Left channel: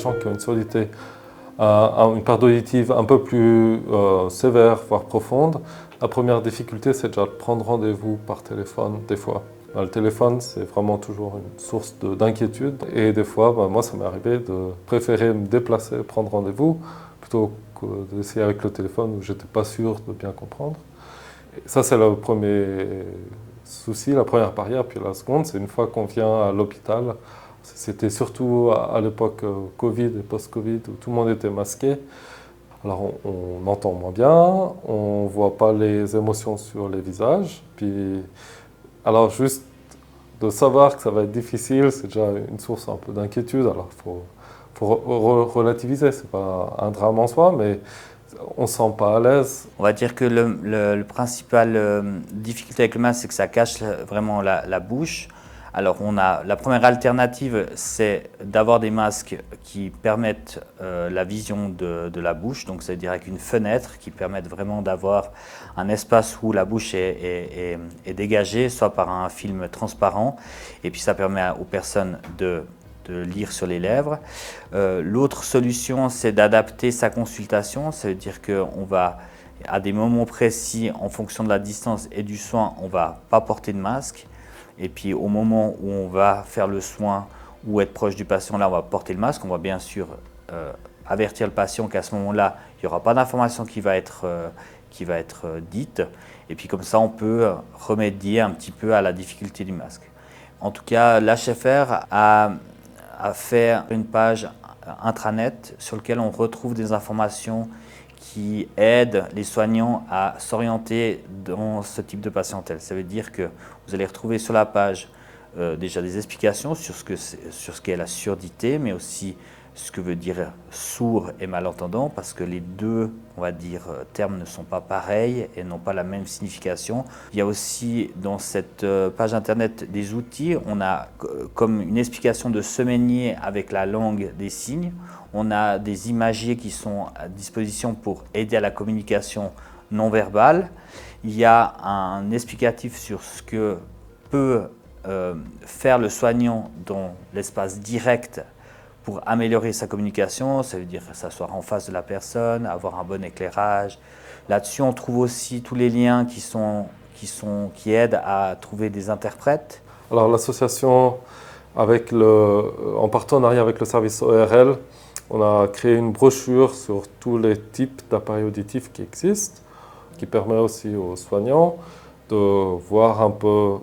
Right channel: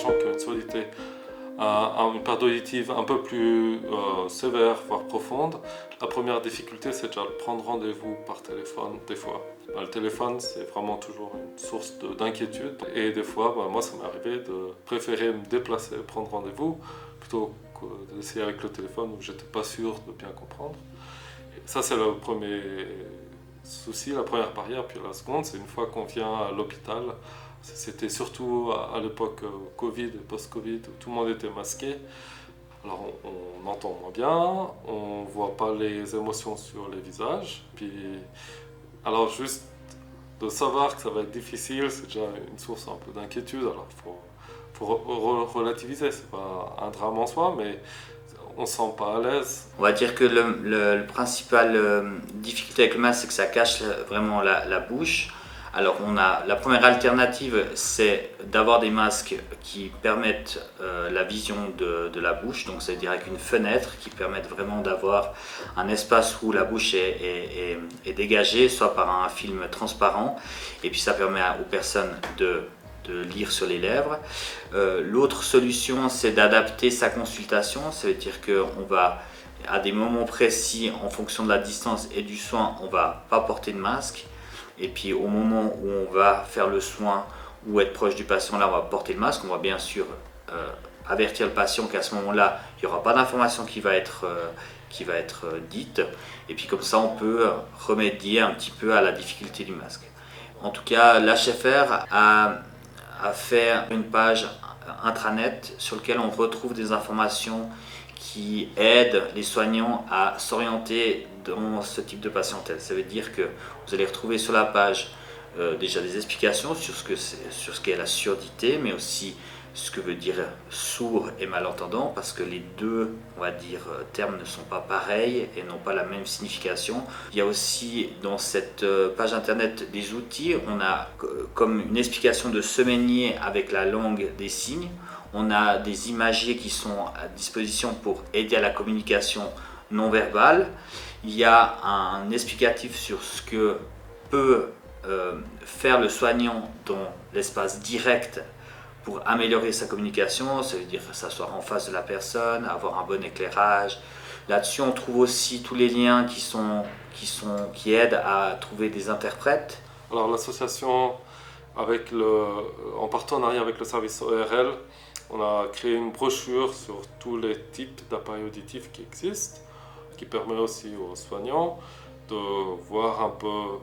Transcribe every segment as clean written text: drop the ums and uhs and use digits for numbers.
gens qui ont une surdité, une perte auditive un peu plus sévère, voire profonde, la première difficulté, c'est déjà de prendre rendez-vous par téléphone, des fois. Le téléphone, c'est vraiment toujours une source d'inquiétude. Et des fois, moi, ça m'est arrivé de préférer me déplacer, prendre rendez-vous, plutôt que d'essayer avec le téléphone où j'étais pas sûr de bien comprendre. Et ça, c'est le premier souci, la première barrière. Puis la seconde, c'est une fois qu'on vient à l'hôpital, c'était surtout à l'époque Covid et post-Covid où tout le monde était masqué. Alors on entend moins bien, on ne voit pas les émotions sur les visages. Puis, alors juste de savoir que ça va être difficile, c'est déjà une source un peu d'inquiétude. Alors faut relativiser, c'est pas un drame en soi, mais on ne se sent pas à l'aise. On va dire que le principal difficulté avec le masque, c'est que ça cache vraiment la bouche. Alors la première alternative, c'est d'avoir des masques qui permettent la vision de la bouche, donc c'est-à-dire avec une fenêtre qui permettent vraiment d'avoir un espace où la bouche est dégagée, soit par un film transparent, et puis ça permet aux personnes de lire sur les lèvres. L'autre solution, c'est d'adapter sa consultation, ça veut dire qu'on va, à des moments précis, en fonction de la distance et du soin, on va pas porter de masque. Et puis au moment où on va faire le soin ou être proche du patient, là on va porter le masque. On va bien sûr avertir le patient qu'à ce moment-là, il n'y aura pas d'information qui va être dite. Et puis comme ça, on peut remédier un petit peu à la difficulté du masque. En tout cas, l'HFR a fait une page intranet sur laquelle on retrouve des informations qui aident les soignants à s'orienter dans ce type de patientèle. Ça veut dire que vous allez retrouver sur la page déjà des explications sur ce qu'est la surdité, mais aussi ce que veut dire sourd et malentendant, parce que les deux, on va dire, termes ne sont pas pareils et n'ont pas la même signification. Il y a aussi dans cette page internet des outils. On a comme une explication de semainier avec la langue des signes. On a des imagiers qui sont à disposition pour aider à la communication non verbale. Il y a un explicatif sur ce que peut faire le soignant dans l'espace direct pour améliorer sa communication. Ça veut dire s'asseoir en face de la personne, avoir un bon éclairage. Là-dessus, on trouve aussi tous les liens qui aident à trouver des interprètes. Alors l'association, en partenariat avec le service ORL, on a créé une brochure sur tous les types d'appareils auditifs qui existent, qui permet aussi aux soignants de voir un peu,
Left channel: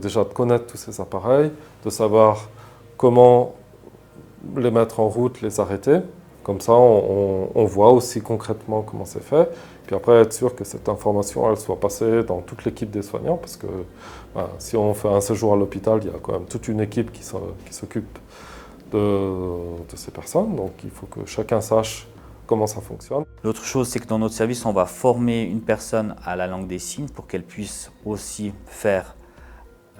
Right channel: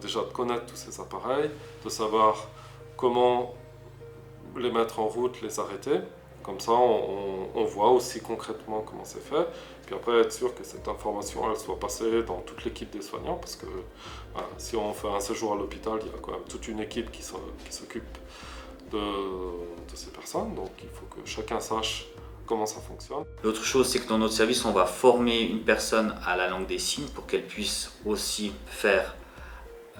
déjà de connaître tous ces appareils, de savoir comment les mettre en route, les arrêter. Comme ça, on voit aussi concrètement comment c'est fait. Puis après, être sûr que cette information, elle soit passée dans toute l'équipe des soignants, parce que si on fait un séjour à l'hôpital, il y a quand même toute une équipe qui s'occupe de ces personnes. Donc il faut que chacun sache comment ça fonctionne. L'autre chose, c'est que dans notre service, on va former une personne à la langue des signes pour qu'elle puisse aussi faire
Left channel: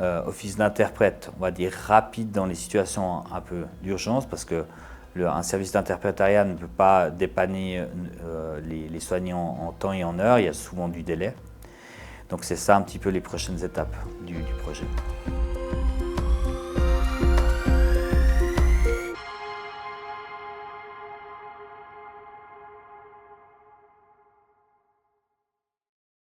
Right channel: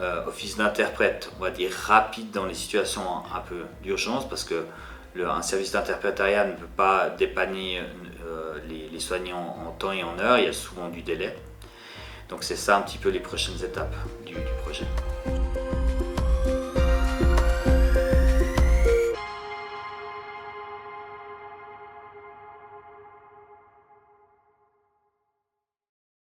office d'interprète, on va dire rapide dans les situations un peu d'urgence, parce que un service d'interprétariat ne peut pas dépanner les soignants en temps et en heure, il y a souvent du délai. Donc c'est ça un petit peu les prochaines étapes du projet.